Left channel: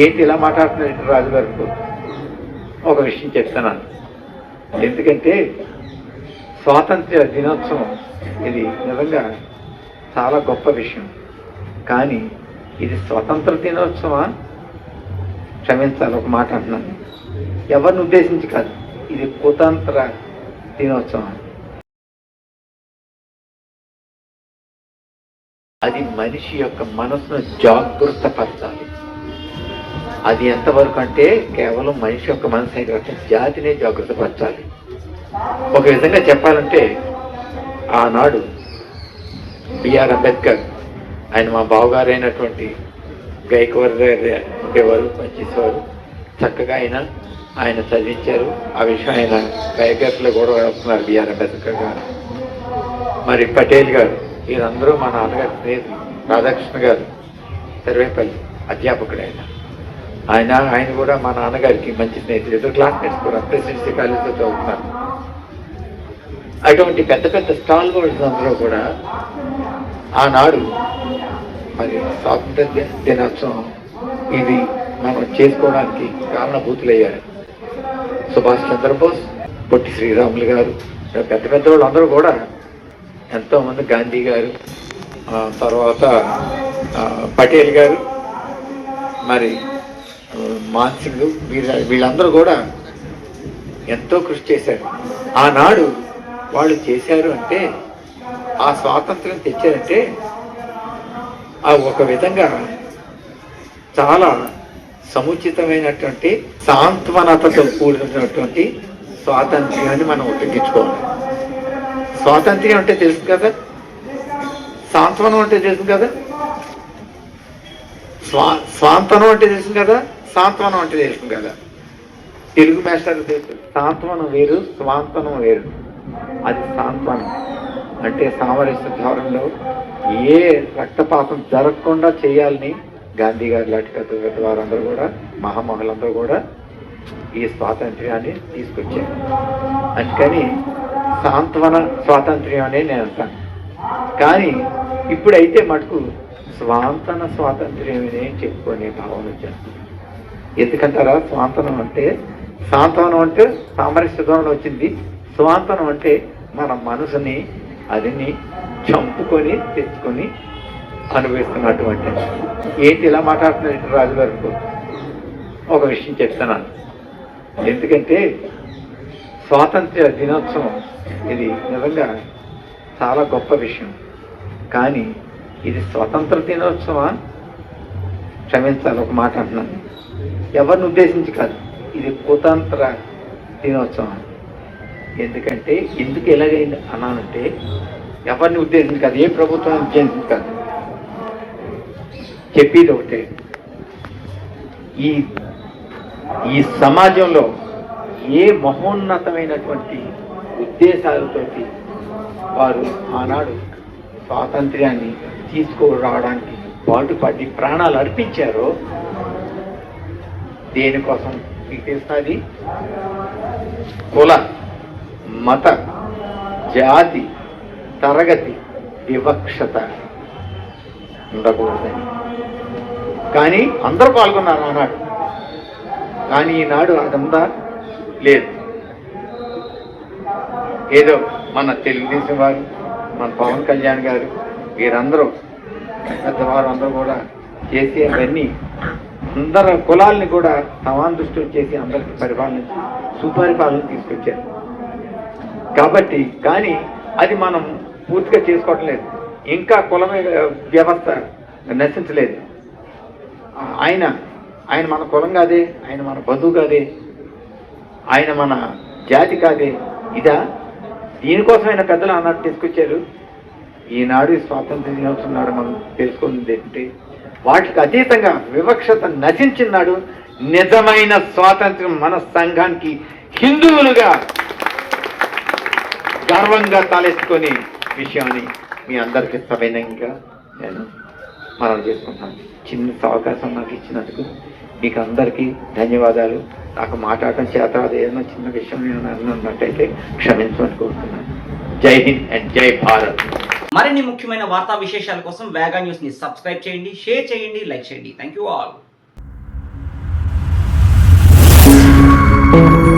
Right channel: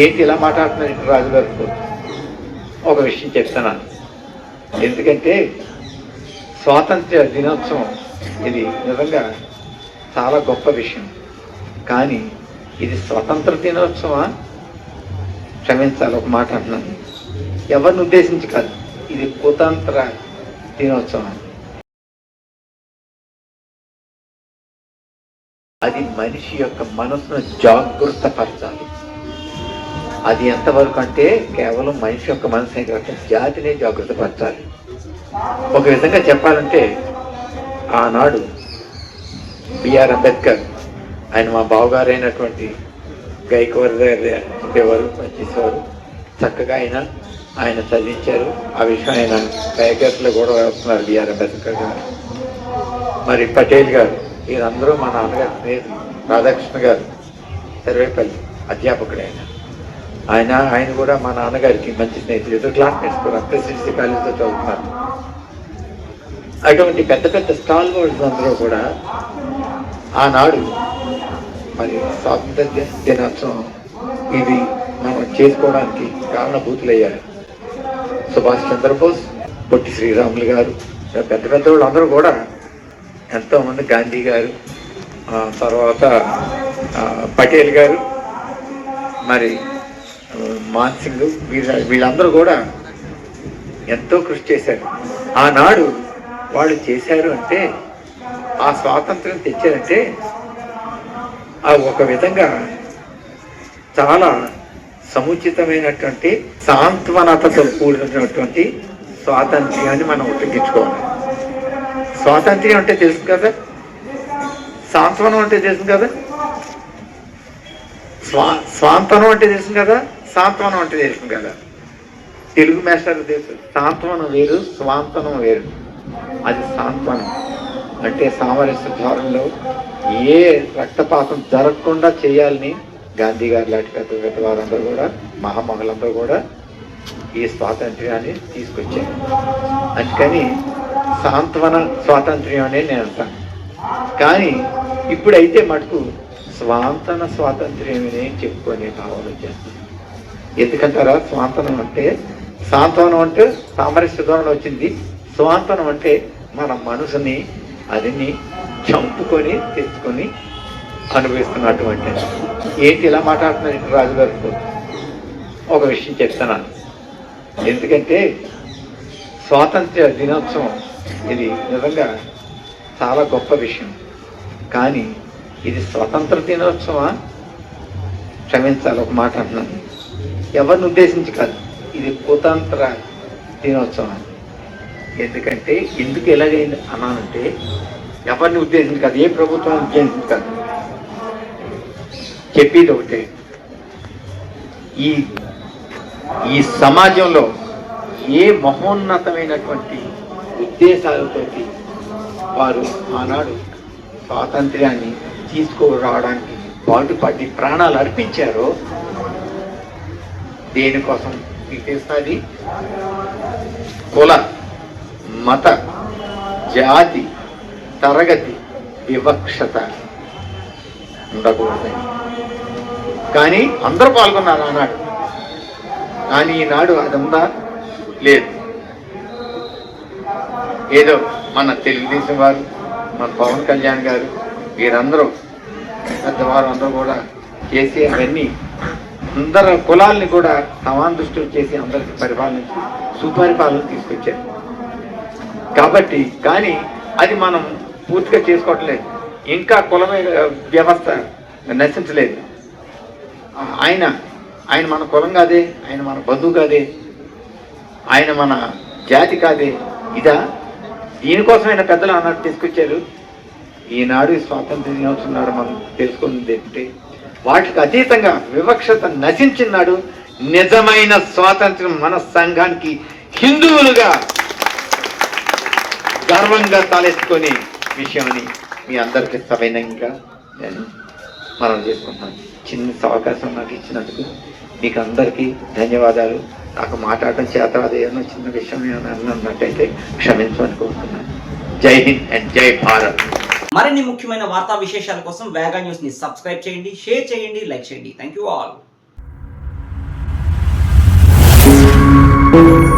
ఏంటి ఇలా మాట్లాడుతున్నారు రాజుగారు? ఒక విషయం చెప్తున్నాను. ఎందుకంటే స్వాతంత్ర్య దినోత్సవం ఇది నిజంగా చాలా గొప్ప విషయం. కానీ ఇది స్వతంత్ర దినోత్సవా? క్షమించాలి, ఒక మాట అంటున్నాను, ఎవరిని ఉద్దేశించి కాదు. ఇది కుతంత్ర దినోత్సవం. అది మనిషి యొక్క మనసును జాగృతపరచాలి. అది ఎంతవరకు అంటే కేవలం మనిషి యొక్క మనసు కాక జాతినే జాగృతపరచాలి. ఒక విధంగా చెప్పాలంటే ఆనాడు బిఆర్ అంబేద్కర్, ఆయన మా బావగారైనటువంటి గైకవార్ గారు ఉండేవారు, పనిచేసేవారు. చక్కగా ఆయన చదివించారు. ఆ విషయం ఆయన బయోగ్రఫీలో కూడా వస్తున్నారు బిఆర్ అంబేద్కర్ గారు. మరి పటేల్ గారు, వీరందరూ మా నాన్నగారి స్నేహితులు. రాధాకృష్ణ గారు సర్వేపల్లి అధ్యాపకుడు. ఆయన కూడా మా నాన్నగారికి మంచి స్నేహితులు. ఎదురు క్లాస్మేట్స్ కూడా ప్రెసిడెన్సీ కాలేజీలో చదువుతున్నారు. అటువంటి పెద్ద పెద్ద స్టాల్ హోల్డర్స్ అందరూ కూడా ఆనాడు మరి స్వాతంత్ర దినోత్సవం ఇది మనం చేసుకోవడానికి కారణభూతులయ్యారు. సుభాష్ చంద్రబోస్, పొట్టి శ్రీరాములు గారు, పెద్ద పెద్ద వాళ్ళు అందరూ కూడా ఎంతోమంది, గాంధీ గారు, తర్వాత పటేల్ గారు, మరి మాన్సింగ్, వీళ్ళందరూ కూడా ఎంతో కృషి చేశారు. ఆనాడు వాళ్ళు చేశారు అంటే, ఆ స్వాతంత్రం తెచ్చారంటే అది ఒక విధంగా చాలా సముచితమైనటువంటి సాంత్వనతతో కూడినటువంటి స్వాతంత్ర్యాన్ని మనం ఉపయోగించుకోవాలి. స్వాతంత్ర్యం అంటే తెలుసు కదా, సాంత్వనం అంటే తెలుసు కదా, స్వాంతనం అంటే తెలుసు కదా, సాంత్వనం అంటే తెలుసు కదా. తెలుగు మాస్టర్లు తెలుసు, సాంత్వనం వేరు, స్వాంతనం వేరు. అది సాంత్వనం అంటే సామరస్య ధోరణిలో ఏ రక్తపాతం జరగకుండా చేయాలని గాంధీ గారు లాంటి పెద్ద వారందరూ కూడా, మహామహులందరూ కూడా ఈ స్వాతంత్ర్యాన్ని తీసుకొచ్చారు. అందుకని సాంత్వన స్వాతంత్ర్యం అనే నేను అంటాను. కానీ ఇప్పుడైతే మటుకు స్వాంతన స్వాతంత్ర్యం అనే చెప్పుకునే భావన వచ్చేస్తుంది. ఎందుకంటారా? స్వాంతనం అంటే, సాంత్వనం అంటే సామరస్య ధోరణి వచ్చింది. స్వాంతనం అంటే మన మనసుని అదిని చంపుకొని తెచ్చుకొని అనుభవిస్తున్నటువంటి. ఏంటి ఇలా మాట్లాడుతున్నారు రాజుగారు? ఒక విషయం చెప్తున్నాను. ఎందుకంటే స్వాతంత్ర్య దినోత్సవం ఇది నిజంగా చాలా గొప్ప విషయం. కానీ ఇది స్వతంత్ర దినోత్సవా? క్షమించాలి, ఒక మాట అంటున్నాను, ఎవరిని ఉద్దేశించి కాదు. ఇది కుతంత్ర దినోత్సవం. ఎందుకంటే ఎందుకు ఎలాగైంది అన్నానంటే, ఎవరిని ఉద్దేశించి కాదు, ఏ ప్రభుత్వాన్ని ఉద్దేశించి కాదు. చెప్పేది ఒకటే, ఈ సమాజంలో ఏ మహోన్నతమైనటువంటి ఉద్దేశాలతోటి వారు ఆనాడు స్వాతంత్ర్యాన్ని తీసుకురావడానికి పాటుపడి ప్రాణాలు అర్పించారో, దేనికోసం మీకు తెలుస్తుంది? కుల, మత, జాతి, తరగతి వివక్షత ఉండకూడదని. కానీ అందరూ పాల్గొన్నారు ఆనాడు. కానీ ఈనాడు అదంతా లేదు. ఏదో మన తెలుగుదేశం వారు, మన పవన్ కళ్యాణ్ గారు, వీరందరూ పెద్దవారు అందరూ కూడా కేసీఆర్ అన్నీ అందరు కులాలని కూడా సమాన దృష్టిలో చేసి అందరికి పరిపాలించి సుపరిపాలన తీసుకొచ్చారు. కాబట్టి కానీ అది మనం పూర్తిగా చేసుకోవట్లేదు. ఇంకా కుల వ్యవస్థ నశించలేదు. ఆయన మన కులం కాదే, ఆయన మన బంధువు కాదే, ఆయన మన జాతి కాదే. ఇదా? దీనికోసమైన పెద్దలు అన్నట్టు తీసుకొచ్చారు. ఈనాడు స్వాతంత్ర దినోత్సవం నాడు మనం తెలుసుకున్నది ఏంటంటే, వాటికి అతీతంగా వివక్షత నశించినాడు. నిజమైన స్వాతంత్ర్యం మన సంఘానికి హిందువులుగా గర్వంగా తలెత్తుకునే విషయాన్ని మీ అందరికీ సవినయంగా నేను మనం చేసుకుంటున్నాను. చిన్న అవకాశం నాకు ఇచ్చినందుకు మీకు అందరికీ ధన్యవాదాలు. నాకు మాట్లాడటం చేత అదేదైనా చిన్న విషయం నేను ఉన్నట్టయితే క్షమించమని కోరుతున్నాను. జై హింద్ అండ్ జై భారత్. మరిన్ని ముఖ్యమైన వార్తా విశేషాల కోసం వేగా న్యూస్ ని సబ్స్క్రైబ్ చేయండి, షేర్ చేయండి, లైక్ చేయండి. Thank you all. చేస్తున్నాం.